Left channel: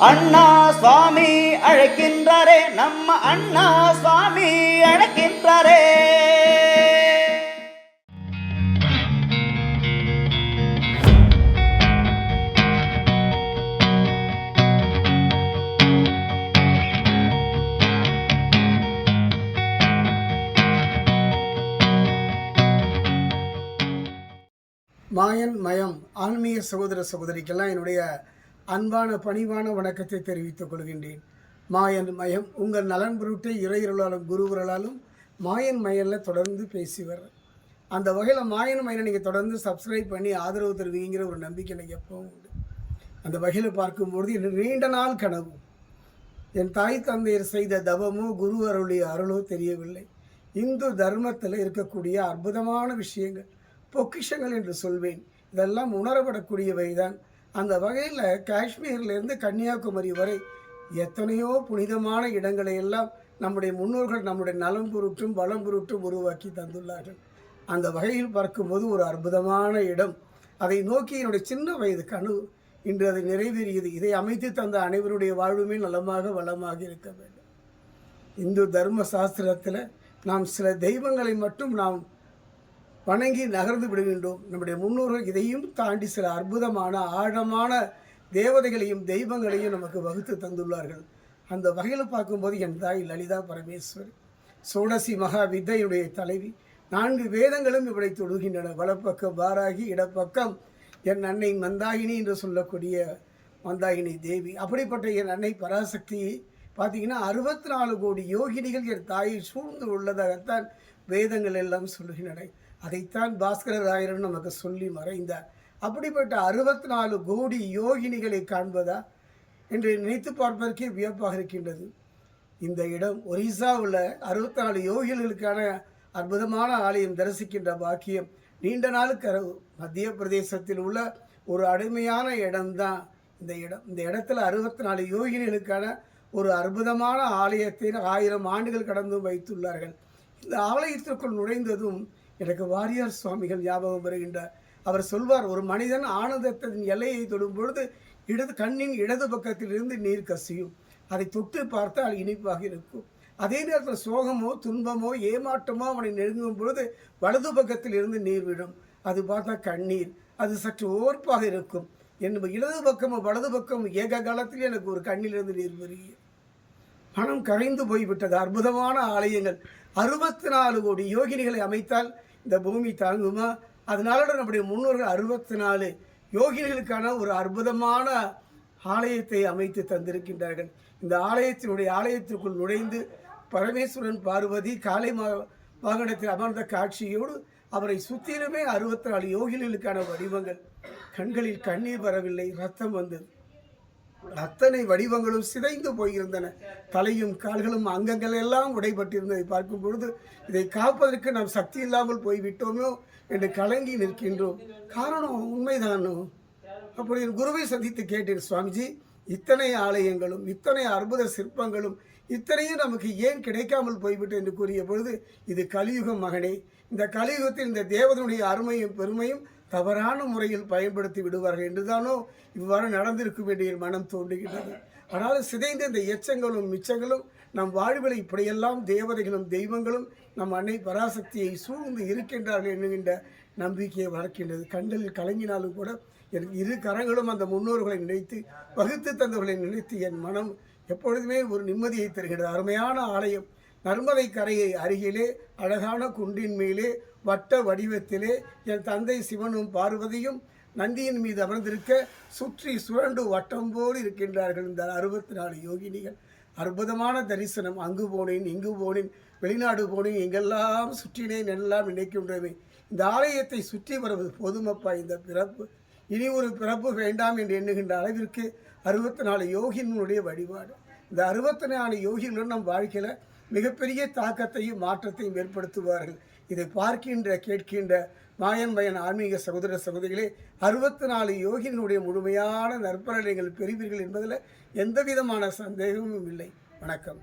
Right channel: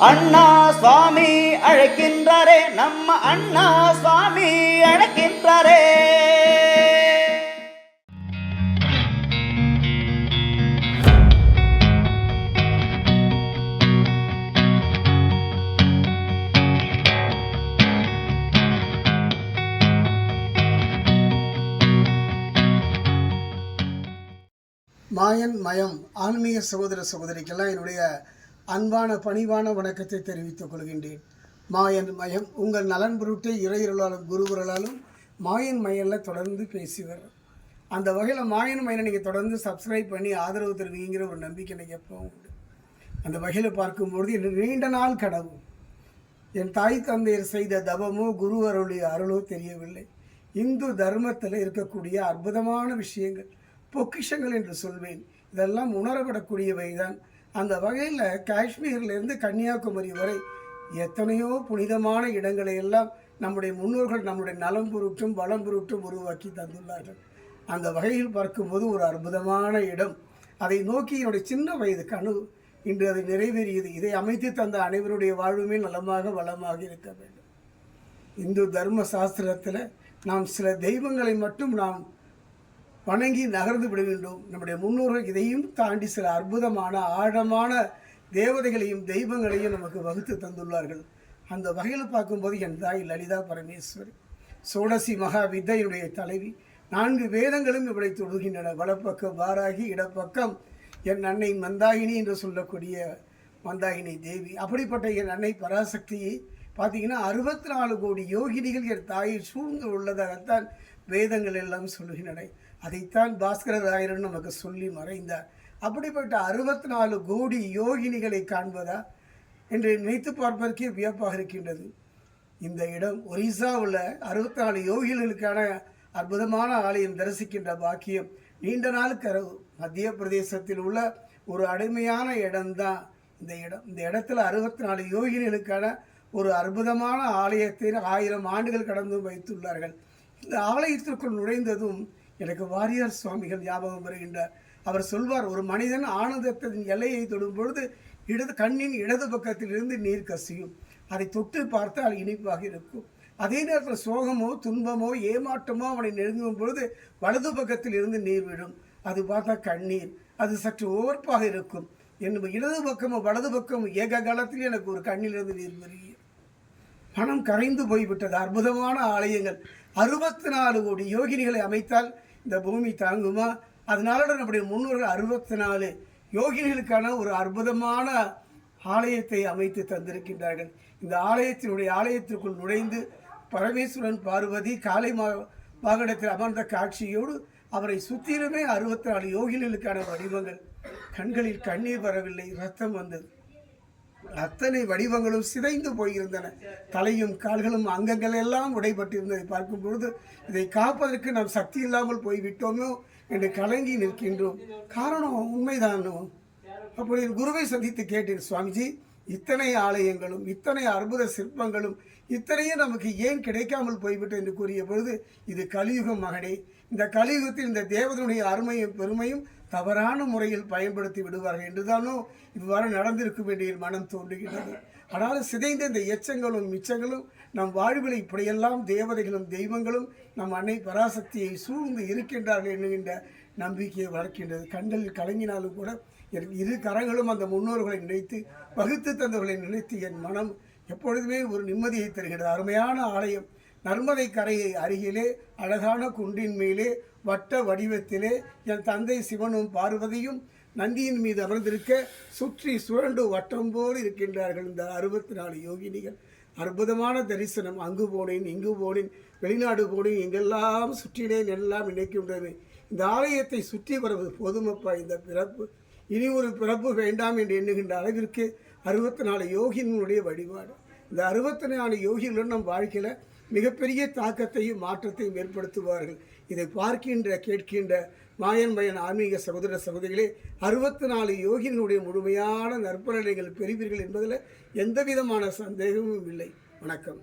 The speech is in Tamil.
அண்ணா சுவாமி அழைக்கின்றாரே நம்ம அண்ணா சுவாமி அழைக்கின்றாரே. மாயன் மயம் ஆன்மீக சகோதர சகோதரிக்கெல்லாம் என்னுடைய அன்பான பணிவான வணக்கத்தை தெரிவித்துக் கொள்கின்றேன். மாயன் மயம் உங்கள் நலன் பொருட்டை இறையருளாலும் குருவர்களாலும் மாயன் மயனில் தொடர்ந்து பேசி வர்றேன் அந்த வகையில் மாயன் மயனை நீங்கள் தொடர்ந்து சப்ஸ்கிரைப் பண்ணி ஆதரவு தருவீங்கிற ஒரு நம்பிக்கை எனக்கு எப்பவும் உண்டு. அந்த வகையில் பார்க்கும்பொழுது என் நீண்ட நாள் கனவு என் தாய் தந்தையர் செய்த தவமோ குரு அருளிய அருளோ தெரியவில்லை. இந்து தர்மத்தில் இருக்கக்கூடிய அற்புதமான விஷயங்கள் பொக்கிஷங்கள் என்று சொல்வேன். இதெல்லாம் உணரப்படக்கூடியவை தான் அந்த வகையில் காஷ்மீர்லேருந்து கன்னியாகுமரி வரை எத்தனையோ புனிதமான இடங்களை எல்லாம் நம்முடைய முன்னோர்கள் நம்முடைய நலம் பொருட்டும் வளம் பொருட்டும் உருவாக்கி தந்துள்ளார்கள். அந்த வகையில் பார்க்கும்போது ஒரு அற்புதமான இடம். அதை நோக்கி என்னுடைய சின்ன வயது கனவு. இன்று அது நிறைவேறியது. இதை அமைத்து தந்த அனைவருடைய வாழ்வுமே நலமாக வளமாக இருக்க வேண்டும். இந்து தர்ம சாஸ்திரத்தில் நாம் சில தெய்வங்களை மட்டும் நாம் வணங்கி நகர்ந்து விடுகின்றோம். நம்முடைய முன்னோர்கள் இதையும் தாண்டி சில அற்புதமான ஆழமான தேவதைகளையும் தெய்வங்களையும் நமக்கு வகுத்து தந்துள்ளார்கள். அந்த வகையில் பார்க்கும்போது என் தாய் லலிதா பரமேஸ்வரி சோடசி மகா வித்தையுடைய தலைவி நான்கு வேதங்களும் இவளை தொழுகின்றன. வலப்பக்கம் வாராகி இடப்பக்கம் என் அன்னை மந்தாகினி என்று சொல்லக்கூடிய மந்தாகினி தேவி. அப்படிப்பட்ட என் அன்னை பராசக்தியை பார்த்தீங்கன்னா அறுபத்தி நாலு கோடி யோகினிகள் என் தாயை சூழ்ந்து உள்ளதாகத்தான் வேதங்கள் எல்லாம் சொல்லுகின்றன. அதைத்தான் பாஸ்கர ராயரன் நமக்கு சொல்லி மறைந்தார். அப்படிப்பட்ட அறுபத்தி நாலு கோடி யோகினிகளை காண்பதா என்று நினைத்து பார்ப்பதற்கே வியப்பாக இருக்கின்றது. இந்த இடம் ஒரிசாவில் அறுபத்தி நாலு யோகிகளுக்கான அற்புதமான ஆலயம் தரிசிக்கின்ற பாக்கியம் நீண்ட நாள் கரவு மத்திய பிரதேசத்தில் உள்ள ஒரு அருமையான இடம்தான் இந்த இடம். இந்த இடத்துல அறுபத்தி நாலு யோகினிகளுக்கான ஒரு அற்புதமான ஆலயத்தை ஆயிரம் ஆண்டுகள் கடந்தும் வைத்துள்ளார்கள். இந்த ஆலயத்திற்குள் நுழைந்ததும் எனக்கு வாரியார் சுவாமிகள் ஞாபகம் வருகின்றார். அவர் சொல்வார் ஒரு மனிதன் ஆனந்தத்தின் எல்லையை தொடும் பொழுது இடது கண்ணின் இடது பக்கத்திலிருந்து நீர் கசியும். அதை தொட்டு பார்த்தால் இனிப்பாக இருக்கும். அதே நேரத்தில் சோகமோ துன்பமோ ஏமாற்றமோ அவனை நெருங்கும் பொழுது வலது பக்கத்தில் இருந்து நீர் விடும். அது பார்த்தா கண்ணீர். அது சற்று ஓர்ப்பாக இருக்கும். என் இடது பக்கமும் வலது பக்கமும் ஏக காலத்தில் எனக்கு ஒரு கண்ணிலிருந்து நீர் பெருகிய மனம் கரைந்து போய்விட்டது. அற்புதமான ஆலயங்கள். அறுபத்தி நாலு கோடி யோகினிகளை அமைத்தால் இந்த பூமி தாங்குமா? அதனால நம்முடைய முன்னோர்கள் அறுபத்தி நாலு யோகிகளுக்கான ஒரு அற்புதமான ஆலயத்தை அமைத்து தந்திருக்கின்றார்கள். இந்த ஆலயத்தினுடைய ஆலயத்திற்குள் நுழைந்து பரமேஸ்வரன் பார்வதி காலை மா வாகனத்தில் அமர்ந்த காட்சியோடு அவரை சுற்றிலுமே அறுபத்தி நாலு யோகிகளுக்கான வடிவங்கள். கண்களில் கண்ணீர் வரவில்லை ரத்தம் வந்தது. அத்தனை வடிவங்களும் சிதைந்து போயிருந்தன. தலையும் கால்களும் அங்கங்கள் எல்லாம் உடைபட்டிருந்ததை பார்க்கும் பொழுது இதை காப்பதற்கு நாம் சக்தி இல்லாமல் போய்விட்டோமோ என்று கலங்கி நிற்கின்றோம். காரணம் உண்மைதானோ? அப்படி குருவை சந்தித்து கேட்டேன் சுவாமிஜி இத்தனை ஆலயங்களும் இத்தனை அற்புத சிற்பங்களும் இத்தனையும் நமக்கு ஏன் கிடைக்காமல் போய்விட்டு என்று கூறிய பொழுது இது கலியுகம் மகனே இந்த கலியுகத்தில் இந்த தேவதனுடைய அருமையும் பெருமையும் தவறான முறையில் பயன்படுத்தி விடுவார்கள் என்றுதானோ இவ்வாறு நடந்திருக்கும் என்று என் மனம் தோன்றுகின்றது. ஆனாலும் சிதைந்த இந்த எச்சங்களும் மிச்சங்களும் நம் வாழ்வில் இப்படியெல்லாம் தேவதைகளும் தெய்வங்களும் நம் அன்னை பராசக்தியை சூழ்ந்து இருக்கின்றார்கள் என்கின்ற நம்பிக்கையை வளர்க்கின்றது. கண்களில் கலங்கினாலும் கூட என் இரு கரங்களும் அந்த முன்னோர்களை நினைத்து வகுத்து தந்தவர்களை நினைத்து என் மனம் எப்பொழுதுமே ஒரு நிம்மதியை தருகிறது அருமையான ஆலயம். நர்மதை கரையை அருகிலே அழகான குன்றின் மேலே வட்ட வடிவத்திலே என் தந்தை சிவனும் பார்வதியும் நந்தியின் மீது அமர்ந்திருக்க சுற்றி சுழண்டு வட்டம் போல் இருக்கின்றார்கள் இந்த அறுபத்தி நாலு யோகினிகள். அற்புதமான தரிசனம். அங்கு போனேன் இங்கு போனேன் வெளிநாடு போனேன் எங்கெல்லாம் சுற்றினேன் எல்லாம் நினைக்கின்றவே இந்த ஆலயத்தை சுற்றி வருவது போதுமப்பா இந்த பிறப்பு. இனி ஒரு பிறப்பு வேண்டாம் என்று எண்ணுகின்ற அளவிற்கு அறுபத்தி நாலு யோகினுடைய வழிபாடு. இந்த அறுபத்தி நாலு யோகிகளுடன் நம் வாழ்க்கையில் மிகப்பெரிய தாக்கத்தையும் மாற்றத்தையும் ஏற்படுத்துவார்கள். இதை பார்க்கின்ற கேட்கின்ற மாயன் மயன் ஆன்மீக சகோதர சகோதரிகளே அறுபத்தி நாலு யோகியினுடைய முழுமையான நற்பலனைகள் பெறுவீர்கள் என்பதில் எந்த விதமான சந்தேகமும் இல்லை. வணக்கம்.